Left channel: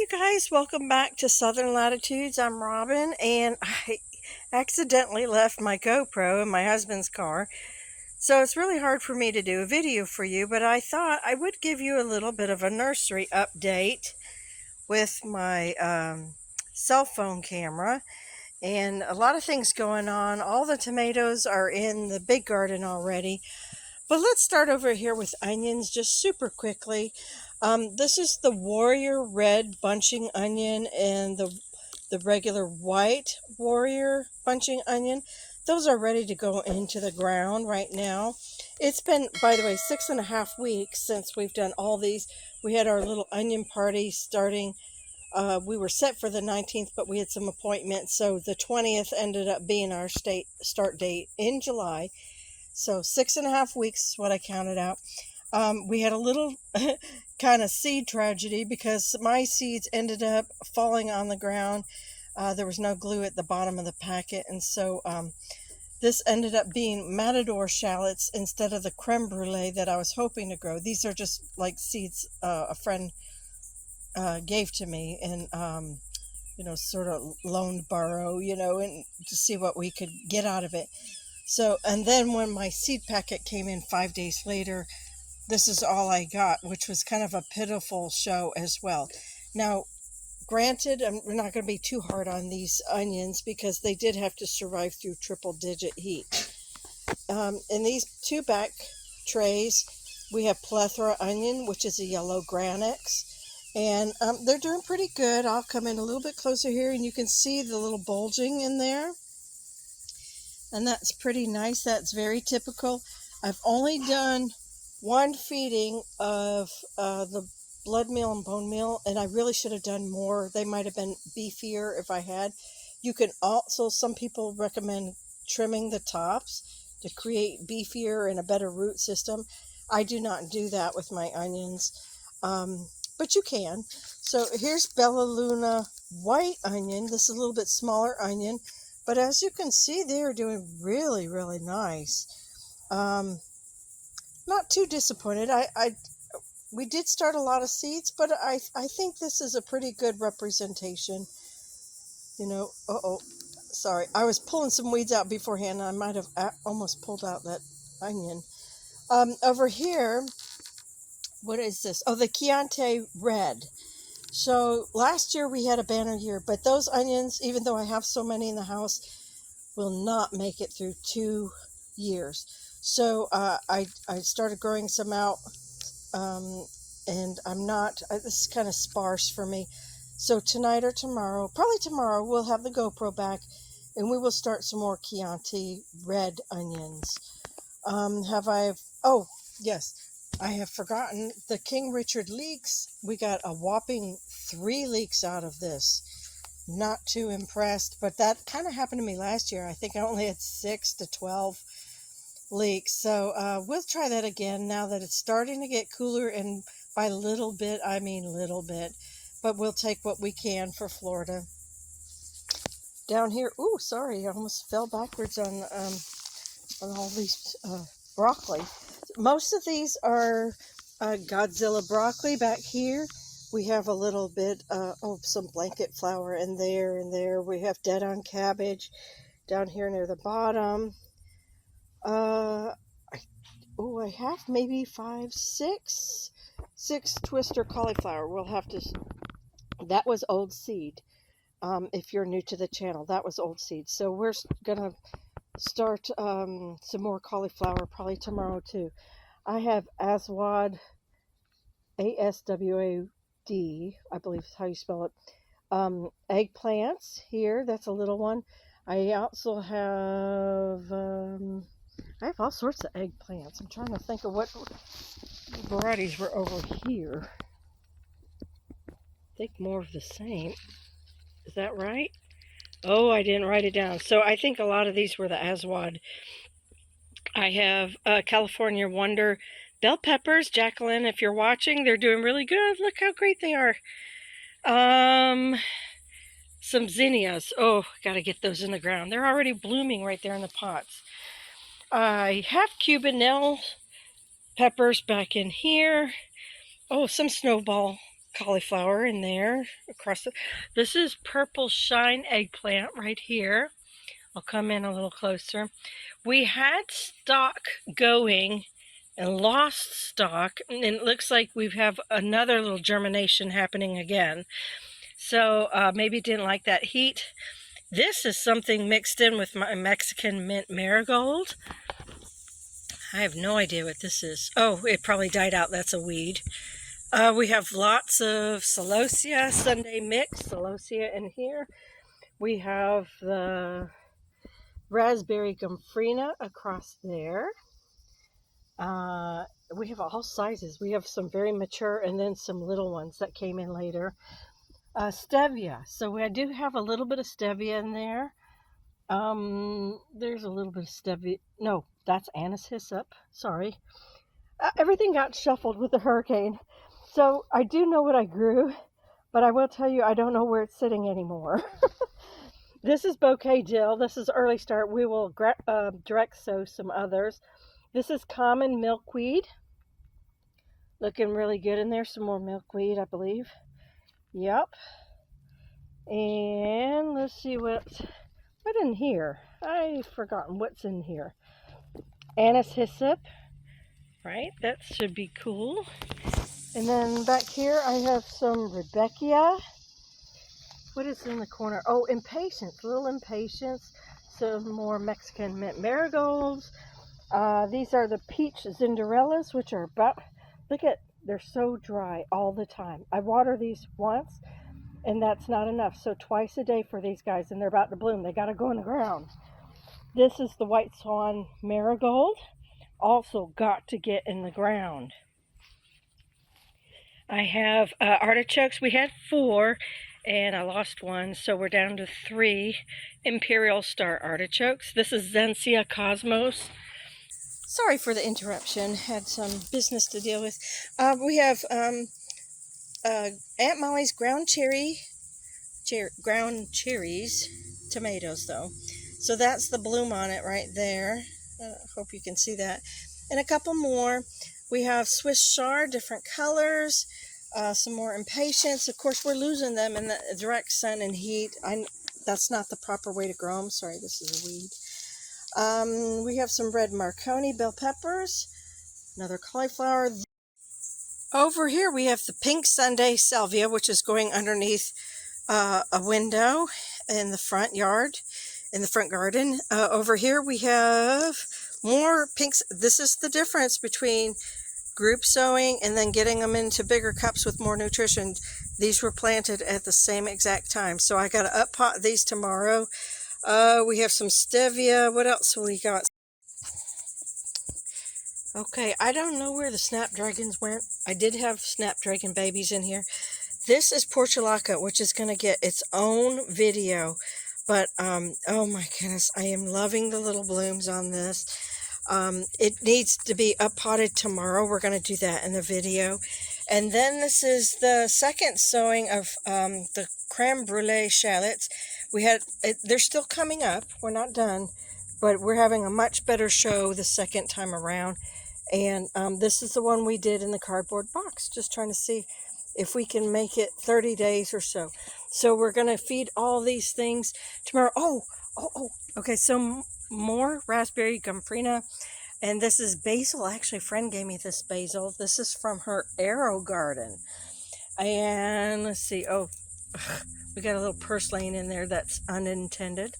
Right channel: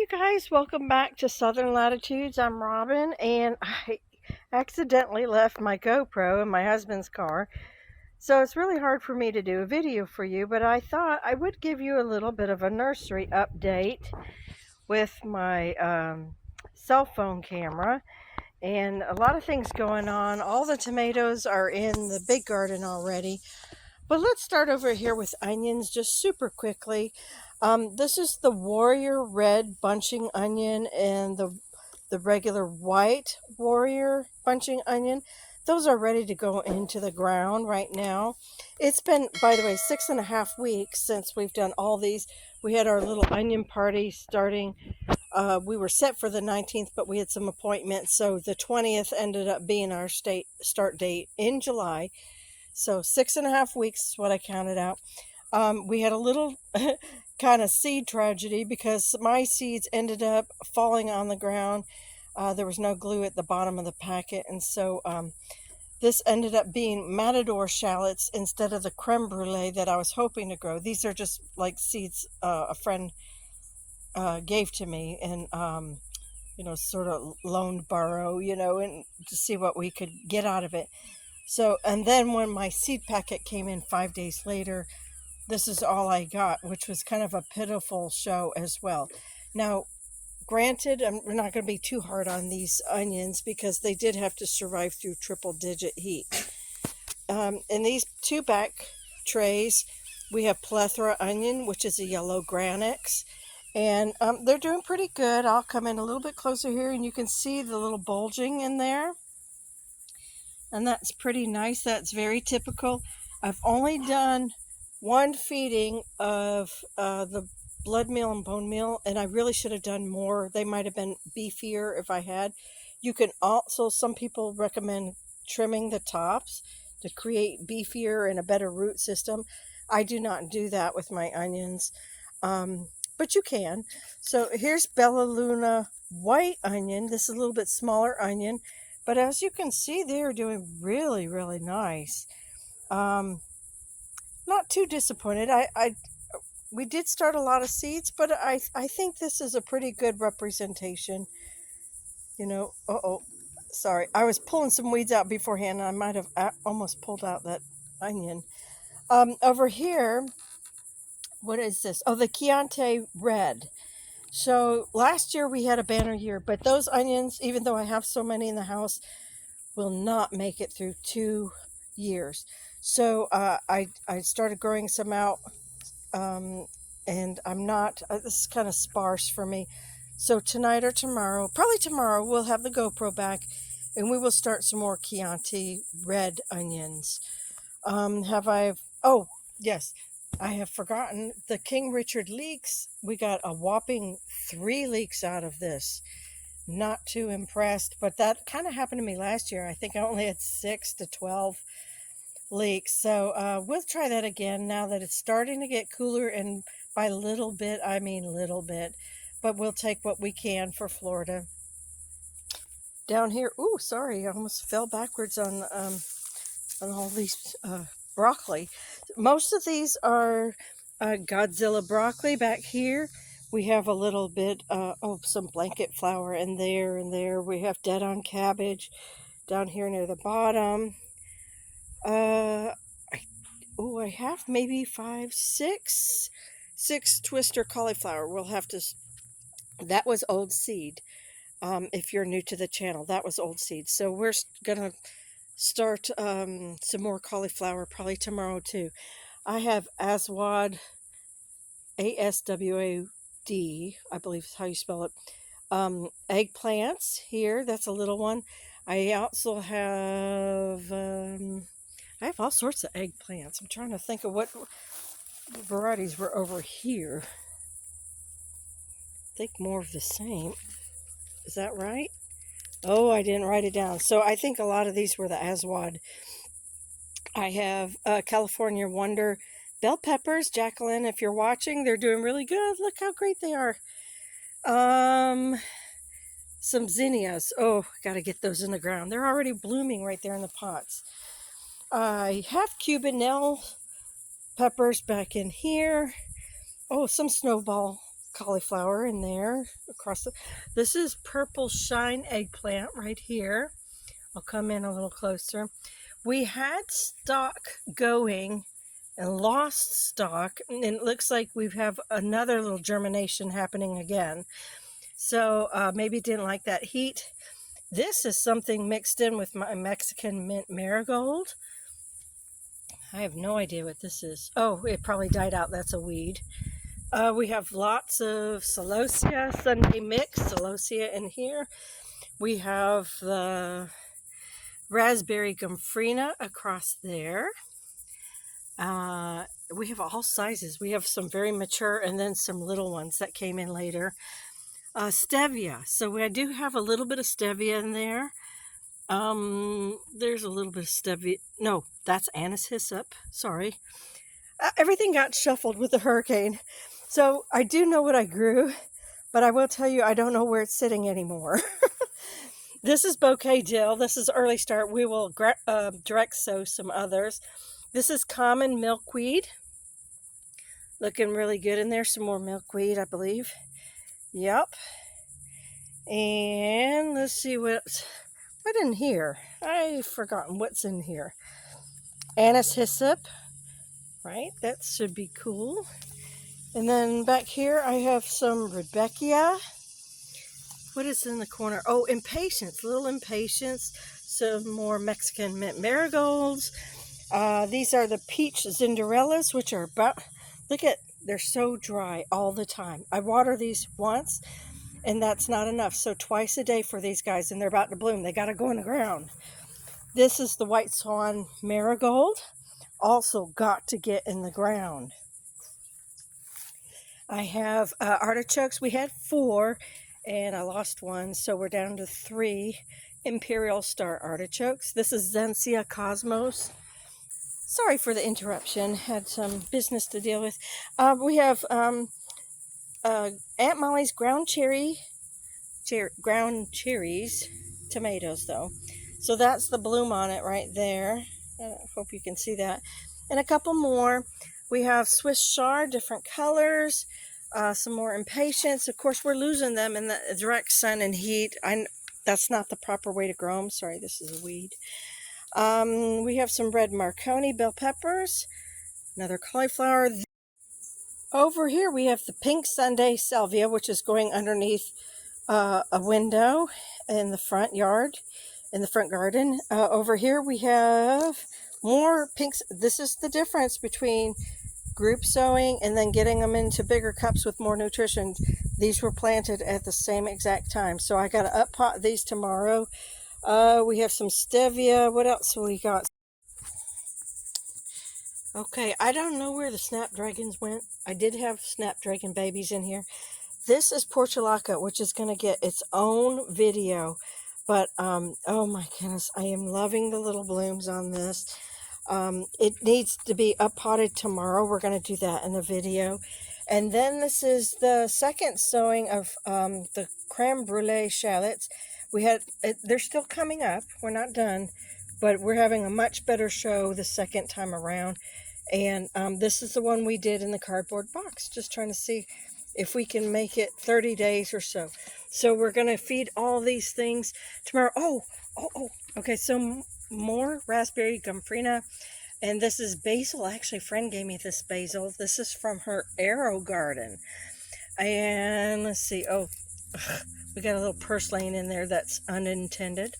you guys, welcome back to Southern Latitudes. I'm Robin, and I accidentally left my GoPro in my husband's car, so it's really hard for me to do a video for you, but I thought I would give you a little bit of a nursery update with my cell phone camera, and a lot of things going on. All the tomatoes are in the big garden already. But let's start over here with onions just super quickly. This is the Warrior Red bunching onion and the regular white Warrior bunching onion. Those are ready to go into the ground right now. It's been, by the way, 6.5 weeks since we've done all these. We had our little onion party starting. We were set for the 19th, but we had some appointments, so the 20th ended up being our start date in July. So 6.5 weeks is what I counted out. We had a little kind of seed tragedy because my seeds ended up falling on the ground. There was no glue at the bottom of the packet, and so this ended up being matador shallots instead of the creme brulee that I was hoping to grow. These are just like seeds a friend gave to me, and sort of loaned borrow, and to see what we could get out of it. So, and then when my seed packet came in 5 days later, this is all I got, which was kind of a pitiful show as well. Now, granted, we're not going to be too hard on these onions because they did have to survive through triple-digit heat. In these two back trays, we have plethora onion, which is a yellow granix, and they're doing pretty good. I'll come in a little bit closer here, and you can see the little bulging in there. And that's pretty nice. That's very typical. I've only done one feeding of the blood meal and bone meal, and I really should have done more. They might have been beefier if I had. You can also, some people recommend trimming the tops to create beefier and a better root system. I do not do that with my onions, but you can. So here's Bella Luna white onion. This is a little bit smaller onion. But as you can see, they're doing really, really nice. Not too disappointed. We did start a lot of seeds, but I think this is a pretty good representation. Sorry. I was pulling some weeds out beforehand, and I might have almost pulled out that onion. Over here, what is this? Oh, the Chianti Red. So last year we had a banner year, but those onions, even though I have so many in the house, will not make it through 2 years. So I started growing some out, and I'm not, this is kind of sparse for me. So tonight or tomorrow, probably tomorrow, we'll have the GoPro back, and we will start some more Chianti Red onions. Oh, yes. I have forgotten the King Richard leeks. We got a whopping 3 leeks out of this. Not too impressed, but that kind of happened to me last year. I think I only had 6 to 12 leeks. So we'll try that again now that it's starting to get cooler, and by little bit, I mean little bit. But we'll take what we can for Florida. Down here, ooh, sorry, I almost fell backwards on all these broccoli. Most of these are Godzilla broccoli. Back here we have a little bit some blanket flower in there and there. We have dead on cabbage down here near the bottom. I have maybe 6 twister cauliflower. We'll have to, that was old seed. If you're new to the channel, that was old seed. So we're gonna start some more cauliflower probably tomorrow too. I have Aswad, A-S-W-A-D, I believe is how you spell it. Eggplants here, that's a little one. I also have all sorts of eggplants. I'm trying to think of what varieties were over here. I think more of the same. Is that right? Oh, I didn't write it down. So I think a lot of these were the Aswad. I have California Wonder bell peppers. Jacqueline, if you're watching, they're doing really good. Look how great they are. Some zinnias. Oh, got to get those in the ground. They're already blooming right there in the pots. I have Cubanelle peppers back in here. Oh, some snowball cauliflower in there across the, this is purple shine eggplant right here. I'll come in a little closer. We had stock going and lost stock, and it looks like we have another little germination happening again. So maybe didn't like that heat. This is something mixed in with my Mexican mint marigold. I have no idea what this is. Oh, it probably died out. That's a weed. We have lots of celosia, Sunday mix, celosia in here. We have the raspberry gomphrena across there. We have all sizes. We have some very mature and then some little ones that came in later. Stevia. So I do have a little bit of stevia in there. There's a little bit of stevia. No, that's anise hyssop. Sorry. Everything got shuffled with the hurricane. So I do know what I grew, but I will tell you I don't know where it's sitting anymore. This is bouquet dill. This is early start. We will direct sow some others. This is common milkweed. Looking really good in there. Some more milkweed, I believe. Yep. And let's see what in here. I've forgotten what's in here. Anise hyssop. Right, that should be cool. And then back here I have some Rebecca. What is in the corner? Oh, impatience, little impatience. Some more Mexican mint marigolds. These are the peach zinderellas, which are about, look at, they're so dry all the time. I water these once, and that's not enough. So twice a day for these guys, and they're about to bloom. They got to go in the ground. This is the white swan marigold. Also got to get in the ground. I have artichokes. We had 4 and I lost one, so we're down to 3 Imperial Star artichokes. This is Zensia Cosmos. Sorry for the interruption, had some business to deal with. We have Aunt Molly's ground cherries, tomatoes though. So that's the bloom on it right there. I hope you can see that. And a couple more. We have Swiss chard, different colors. Some more impatience. Of course, we're losing them in the direct sun and heat. That's not the proper way to grow them. Sorry, this is a weed. We have some red Marconi bell peppers. Another cauliflower. Over here we have the pink Sunday salvia, which is going underneath a window in the front yard. In the front garden. Over here we have more pinks. This is the difference between group sowing and then getting them into bigger cups with more nutrition. These were planted at the same exact time. So I got to up pot these tomorrow. We have some stevia. What else we got? Okay, I don't know where the Snapdragons went. I did have Snapdragon babies in here. This is portulaca, which is going to get its own video. But, oh my goodness, I am loving the little blooms on this. It needs to be up potted tomorrow. We're going to do that in the video. And then this is the second sowing of the creme brulee shallots. They're still coming up. We're not done, but we're having a much better show the second time around. And this is the one we did in the cardboard box. Just trying to see if we can make it 30 days or so. So we're going to feed all these things tomorrow. Oh, okay, so more raspberry gomphrena. And this is basil. Actually, a friend gave me this basil. This is from her arrow garden. And let's see. Oh, we got a little purslane in there that's unintended.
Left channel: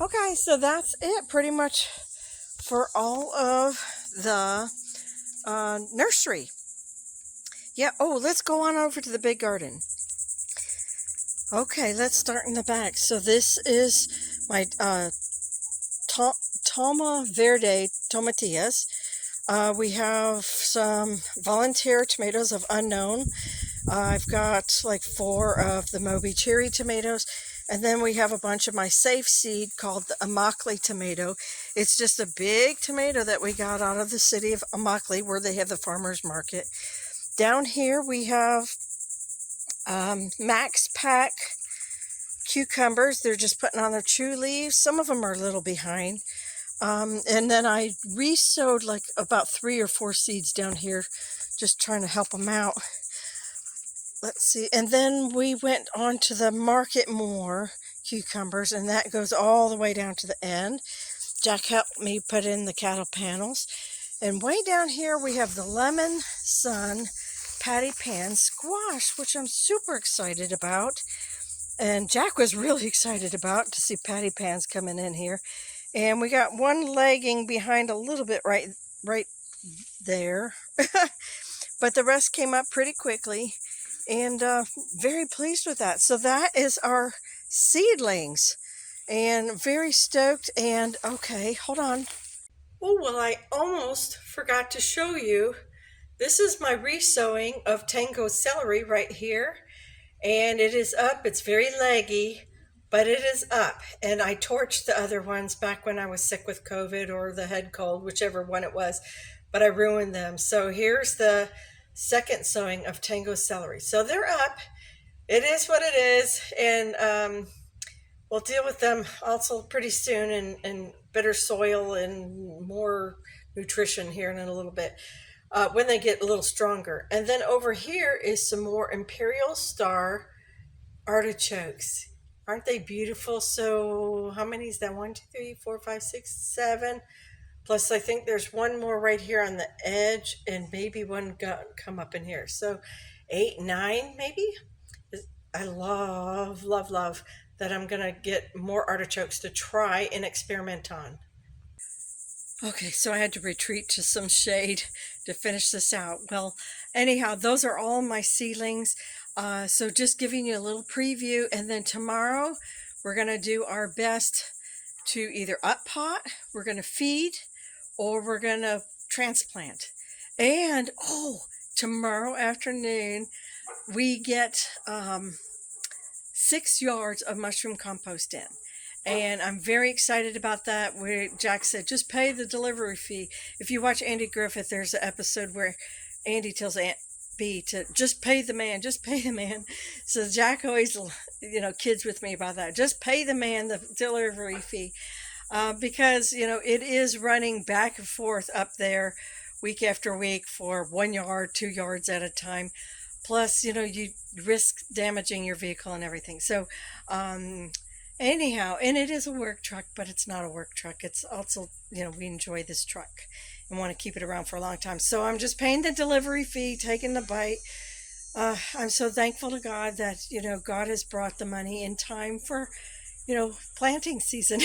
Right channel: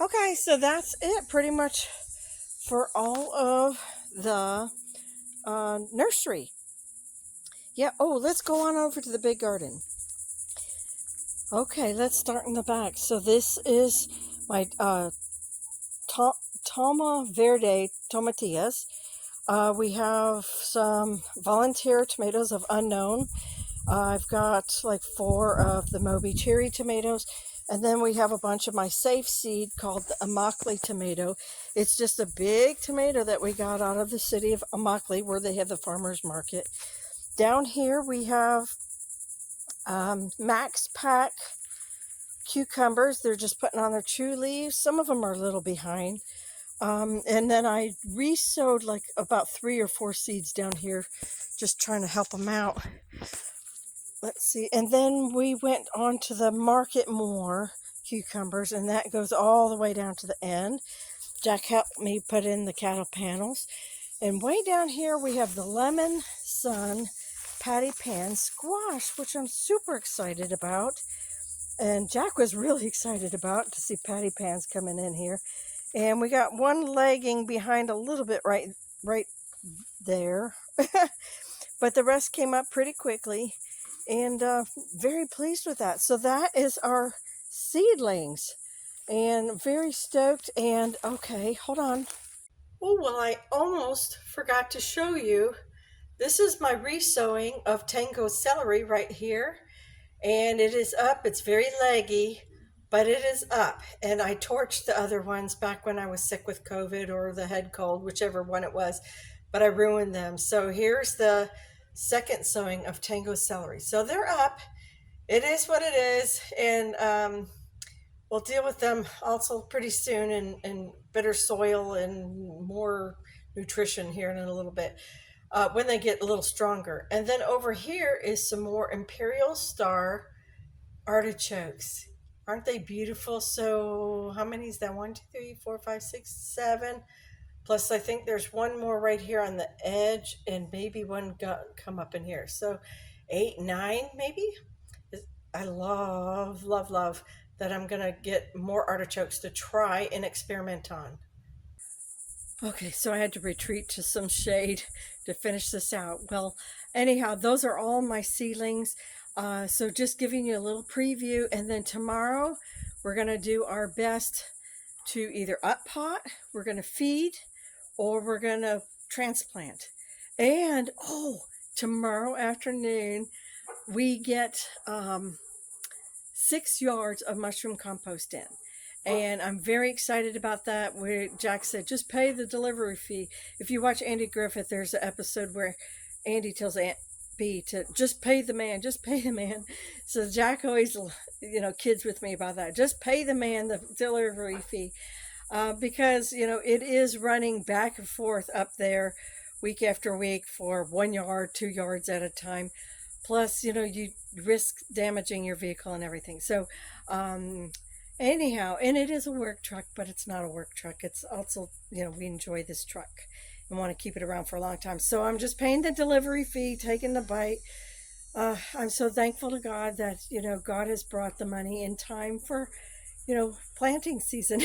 Okay, so that's it pretty much for all of the nursery. Yeah, oh, let's go on over to the big garden. Okay, let's start in the back. So this is my Toma Verde tomatillas. We have some volunteer tomatoes of unknown. I've got like 4 of the Moby cherry tomatoes. And then we have a bunch of my safe seed called the Immokalee tomato. It's just a big tomato that we got out of the city of Immokalee where they have the farmer's market. Down here we have Max Pack cucumbers. They're just putting on their true leaves. Some of them are a little behind. And then I re-sowed like about 3 or 4 seeds down here, just trying to help them out. let's see. And then we went on to the Market More cucumbers, and that goes all the way down to the end. Jack helped me put in the cattle panels. And way down here we have the Lemon Sun Patty Pan squash, which I'm super excited about. And Jack was really excited about to see patty pans coming in here. And we got one lagging behind a little bit right there. But the rest came up pretty quickly, and very pleased with that. So that is our seedlings, and very stoked. And okay, hold on. Oh, well, I almost forgot to show you. This is my resowing of Tango celery right here, and it is up. It's very leggy, but it is up. And I torched the other ones back when I was sick with COVID or the head cold, whichever one it was, but I ruined them. So here's the second sowing of Tango celery. So they're up. It is what it is, and we'll deal with them also pretty soon, and better soil and more nutrition here in a little bit when they get a little stronger. And then over here is some more Imperial Star artichokes. Aren't they beautiful? So how many is that? 1, 2, 3, 4, 5, 6, 7. Plus I think there's one more right here on the edge, and maybe one come up in here. So 8, 9 maybe. I love that I'm gonna get more artichokes to try and experiment on. Okay, so I had to retreat to some shade to finish this out. Well, anyhow, those are all my seedlings. So just giving you a little preview, and then tomorrow we're going to do our best to either up pot, we're going to feed, or we're going to transplant. And, oh, tomorrow afternoon we get 6 yards of mushroom compost in. And I'm very excited about that. Jack said, just pay the delivery fee. If you watch Andy Griffith, there's an episode where Andy tells Aunt B to just pay the man, just pay the man. So Jack always, kids with me about that. Just pay the man the delivery fee. Because, it is running back and forth up there week after week for 1 yard, 2 yards at a time. Plus, you risk damaging your vehicle and everything. So, anyhow, and it is a work truck, but it's not a work truck. It's also, we enjoy this truck and want to keep it around for a long time. So I'm just paying the delivery fee, taking the bite. I'm so thankful to God that, God has brought the money in time for, planting season.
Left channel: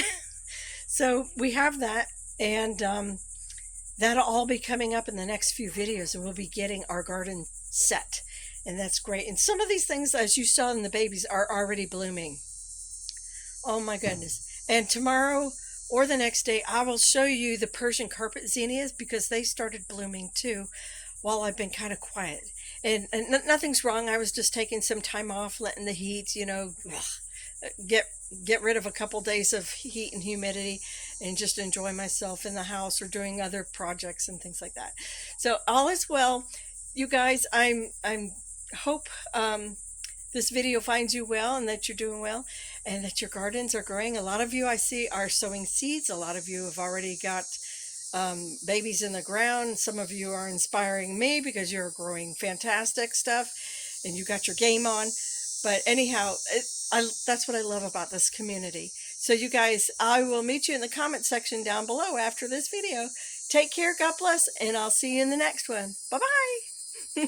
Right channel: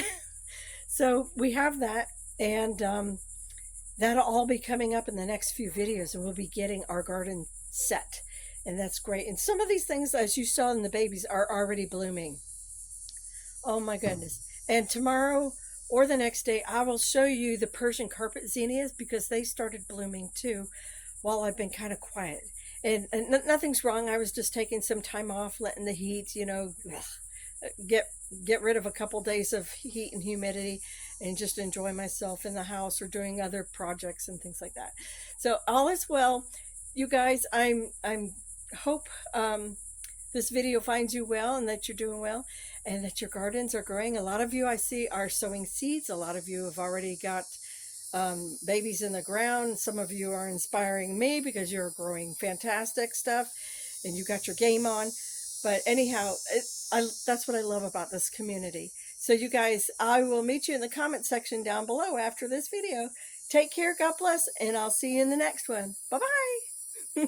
So we have that, and that'll all be coming up in the next few videos, and we'll be getting our garden set, and that's great. And some of these things, as you saw in the babies, are already blooming. Oh my goodness. And tomorrow or the next day, I will show you the Persian carpet zinnias, because they started blooming too while I've been kind of quiet. And nothing's wrong. I was just taking some time off, letting the heat, get rid of a couple days of heat and humidity, and just enjoy myself in the house or doing other projects and things like that. So all is well. You guys, I'm hope this video finds you well, and that you're doing well, and that your gardens are growing. A lot of you I see are sowing seeds. A lot of you have already got babies in the ground. Some of you are inspiring me because you're growing fantastic stuff and you got your game on. But anyhow, that's what I love about this community. So you guys, I will meet you in the comment section down below after this video. Take care, God bless, and I'll see you in the next one. Bye-bye.